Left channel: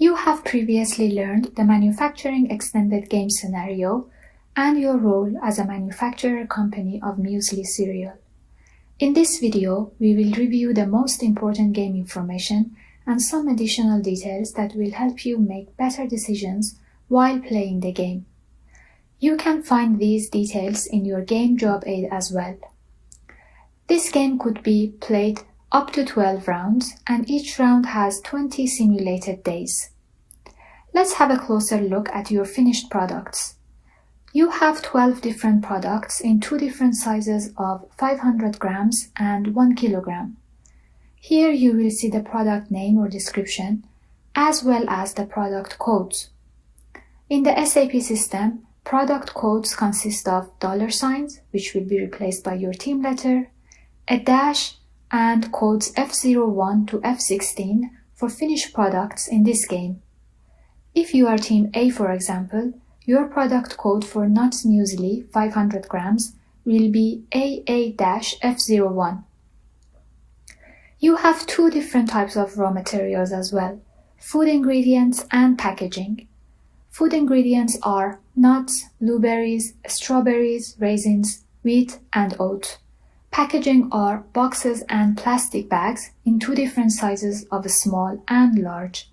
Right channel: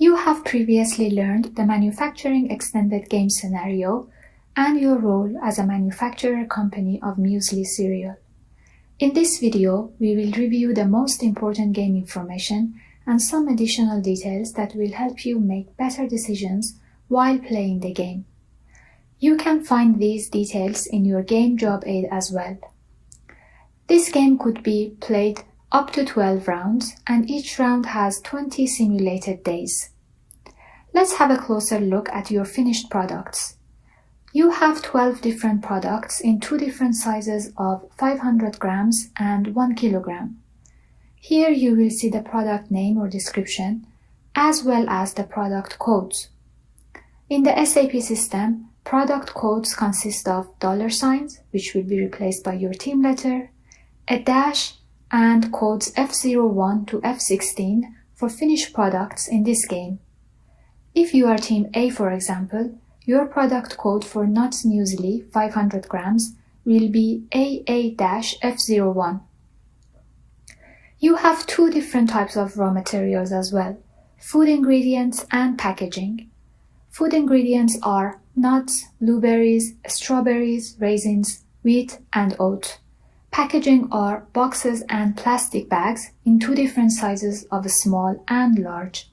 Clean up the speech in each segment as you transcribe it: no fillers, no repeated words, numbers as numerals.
You have previously learned the Manufacturing Extended Game scenario and your role as a manufacturer company of muesli cereal. In this video, we will review the most important game information and some additional details that will help you make better decisions while playing the game. You can find these details in your game job aid as well. This game could be played up to 12 rounds, and each round has 20 simulated days. Let's have a closer look at your finished products. You have 12 different products in two different sizes of 500 grams and 1 kilogram. Here you will see the product name or description, as well as the product codes. In the SAP system, product codes consist of $signs, which will be replaced by your team letter, a dash, and codes F01 to F16 for finished products in this game. If you are Team A, for example, your product code for nuts muesli 500 grams will be AA-F01. You have two different types of raw materials as well, food ingredients and packaging. Food ingredients are nuts, blueberries, strawberries, raisins, wheat, and oat. Packaging are boxes and plastic bags in two different sizes of small and large.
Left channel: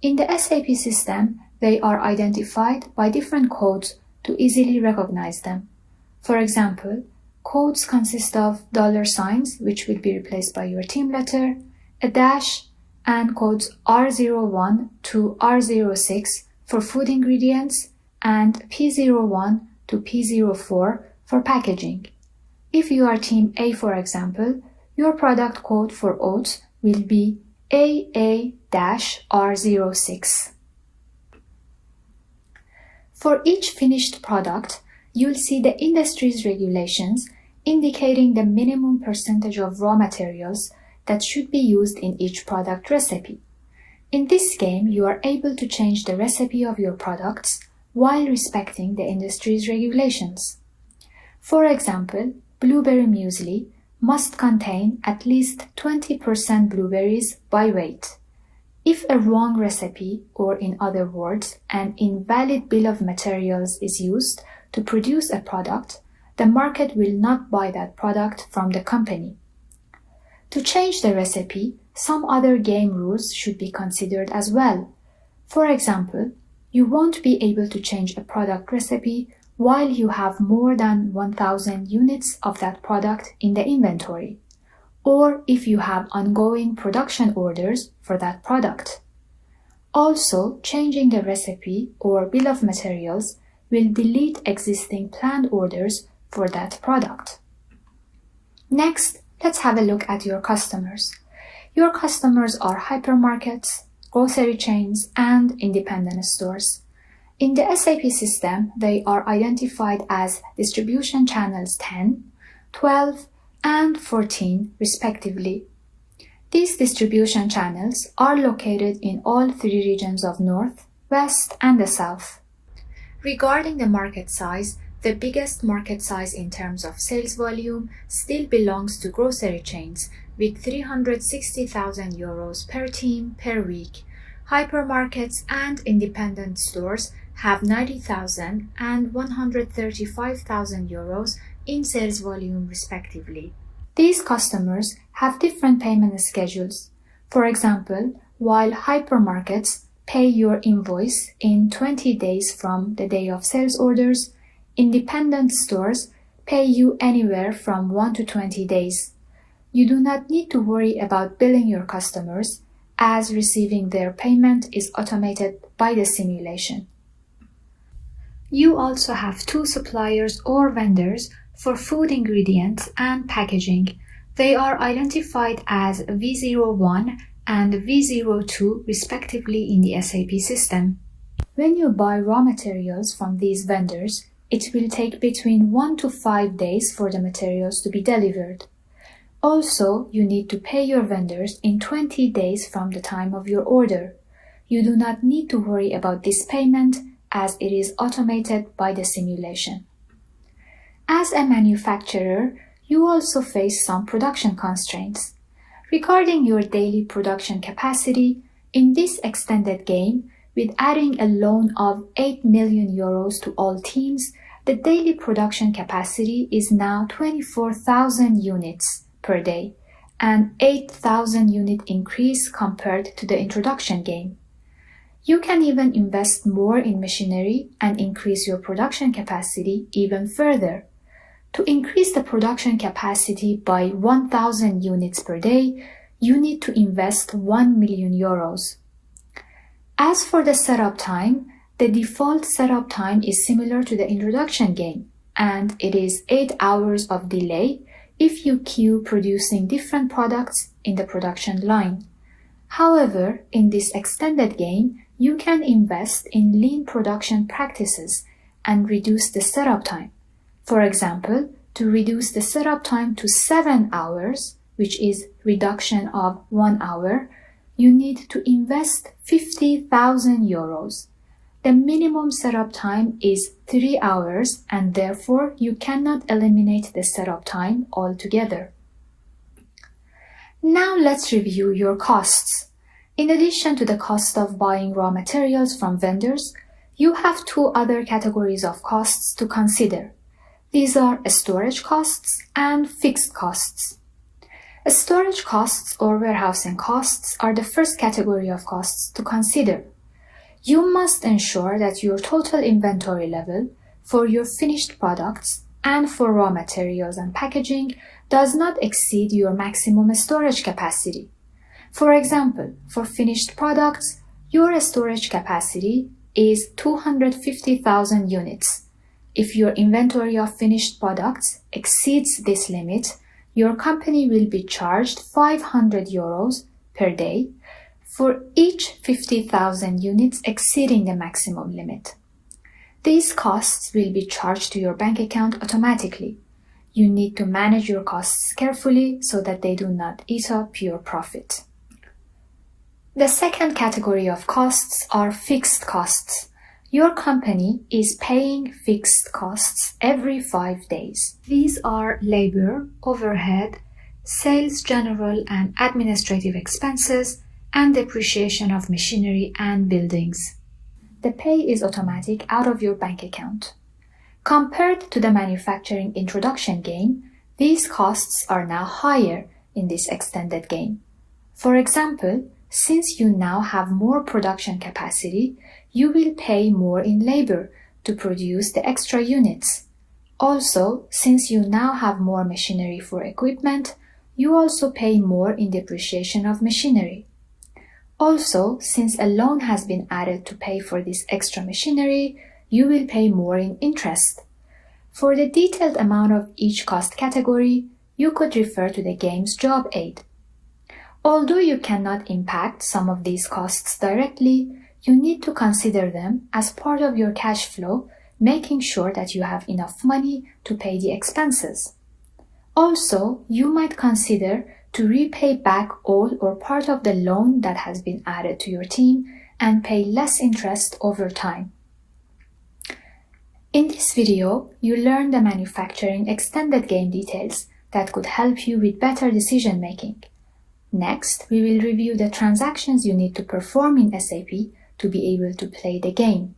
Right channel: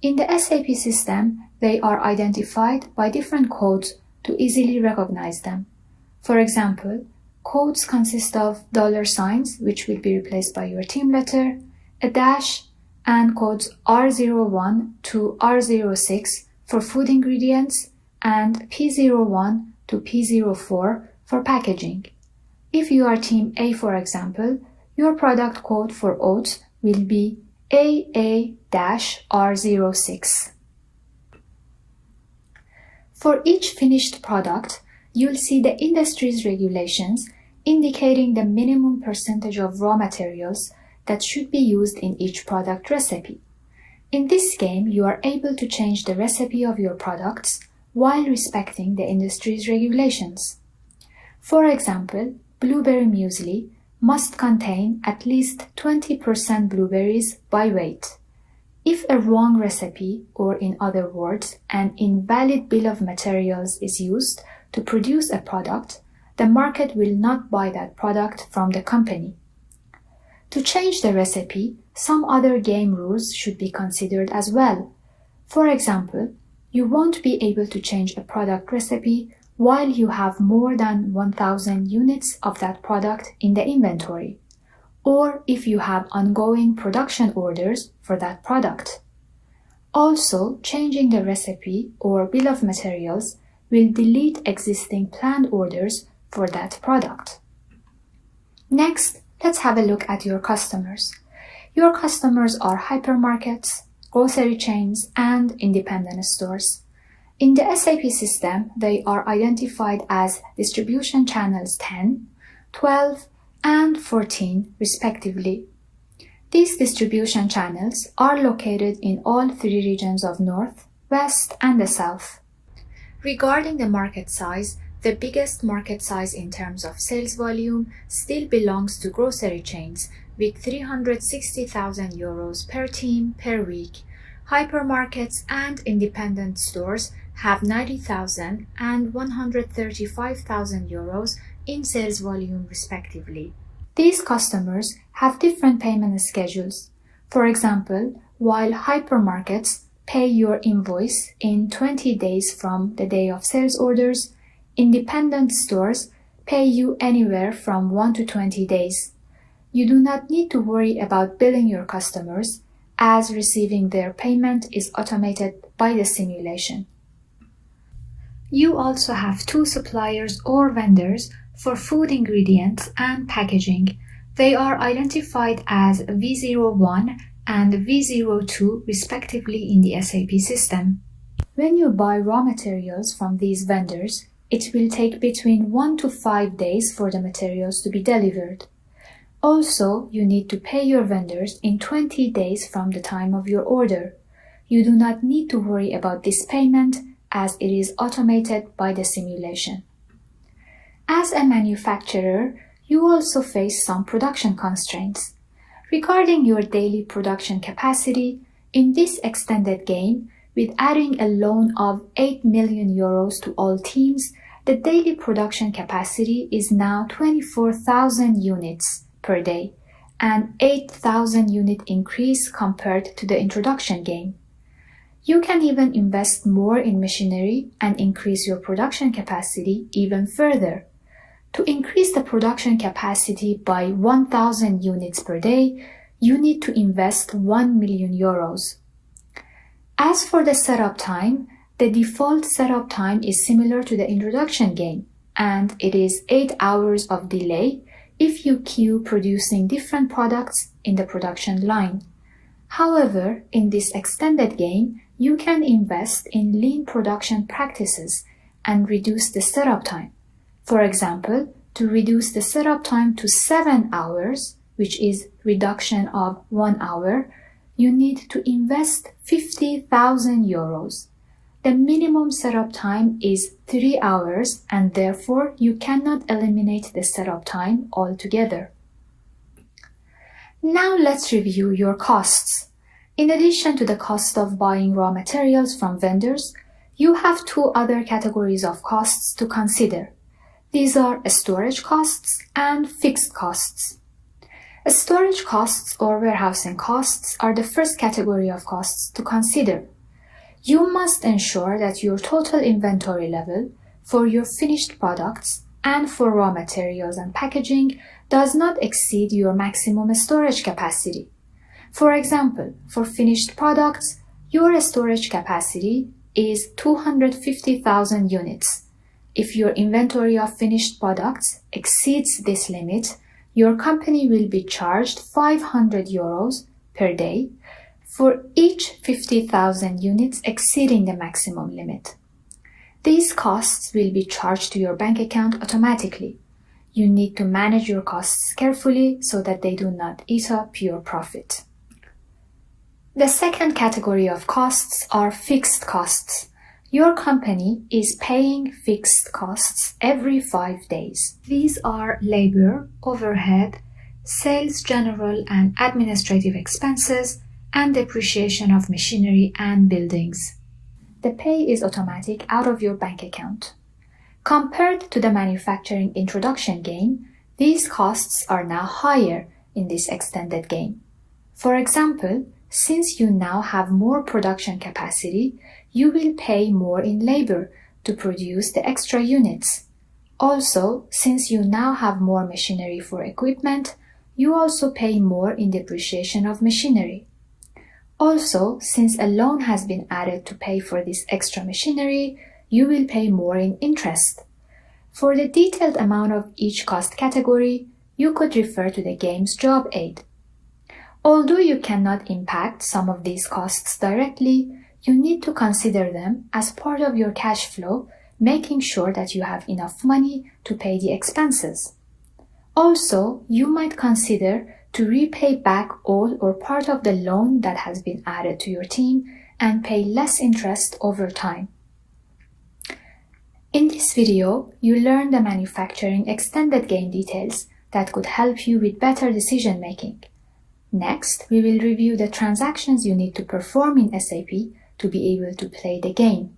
In the SAP system, they are identified by different codes to easily recognize them. For example, codes consist of $signs, which will be replaced by your team letter, a dash, and codes R01 to R06 for food ingredients, and P01 to P04 for packaging. If you are Team A, for example, your product code for oats will be AA-R06. For each finished product, you'll see the industry's regulations indicating the minimum percentage of raw materials that should be used in each product recipe. In this game, you are able to change the recipe of your products while respecting the industry's regulations. For example, blueberry muesli must contain at least 20% blueberries by weight. If a wrong recipe, or in other words, an invalid bill of materials is used to produce a product, the market will not buy that product from the company. To change the recipe, some other game rules should be considered as well. For example, you won't be able to change a product recipe while you have more than 1,000 units of that product in the inventory, or if you have ongoing production orders for that product. Also, changing the recipe or bill of materials will delete existing planned orders for that product. Next, let's have a look at your customers. Your customers are hypermarkets, grocery chains, and independent stores. In the SAP system, they are identified as distribution channels 10, 12, and 14 respectively. These distribution channels are located in all three regions of North, West, and the South. Regarding the market size, the biggest market size in terms of sales volume still belongs to grocery chains with 360,000 euros per team per week. Hypermarkets and independent stores have 90,000 and 135,000 euros in sales volume respectively. These customers have different payment schedules. For example, while hypermarkets pay your invoice in 20 days from the day of sales orders, independent stores pay you anywhere from 1 to 20 days. You do not need to worry about billing your customers, as receiving their payment is automated by the simulation. You also have two suppliers or vendors for food ingredients and packaging. They are identified as V01 and V02 respectively in the SAP system. When you buy raw materials from these vendors, it will take between 1 to 5 days for the materials to be delivered. Also, you need to pay your vendors in 20 days from the time of your order. You do not need to worry about this payment as it is automated by the simulation. As a manufacturer, you also face some production constraints. Regarding your daily production capacity, In this extended game, with adding a loan of 8 million euros to all teams, the daily production capacity is now 24,000 units per day, an 8,000 unit increase compared to the introduction game. You can even invest more in machinery and increase your production capacity even further. To increase the production capacity by 1,000 units per day, you need to invest 1 million euros. As for the setup time, the default setup time is similar to the introduction game, and it is 8 hours of delay if you queue producing different products in the production line. However, in this extended game, you can invest in lean production practices and reduce the setup time. For example, to reduce the setup time to 7 hours, which is reduction of 1 hour, you need to invest 50,000 euros. The minimum setup time is 3 hours, and therefore you cannot eliminate the setup time altogether. Now let's review your costs. In addition to the cost of buying raw materials from vendors, you have 2 other categories of costs to consider. These are storage costs and fixed costs. Storage costs or warehousing costs are the first category of costs to consider. You must ensure that your total inventory level for your finished products and for raw materials and packaging does not exceed your maximum storage capacity. For example, for finished products, your storage capacity is 250,000 units. If your inventory of finished products exceeds this limit, your company will be charged 500 euros per day for each 50,000 units exceeding the maximum limit. These costs will be charged to your bank account automatically. You need to manage your costs carefully so that they do not eat up your profit. The second category of costs are fixed costs. Your company is paying fixed costs every 5 days. These are labor, overhead, sales, general and administrative expenses, and depreciation of machinery and buildings. The pay is automatic out of your bank account. Compared to the manufacturing introduction game, these costs are now higher in this extended game. For example, since you now have more production capacity, you will pay more in labor to produce the extra units. Also, since you now have more machinery for equipment, you also pay more in depreciation of machinery. Also, since a loan has been added to pay for this extra machinery, you will pay more in interest. For the detailed amount of each cost category, you could refer to the game's job aid. Although you cannot impact some of these costs directly, you need to consider them as part of your cash flow, making sure that you have enough money to pay the expenses. Also, you might consider to repay back all or part of the loan that has been added to your team and pay less interest over time. In this video, you learn the manufacturing extended game details that could help you with better decision making. Next, we will review the transactions you need to perform in SAP to be able to play the game.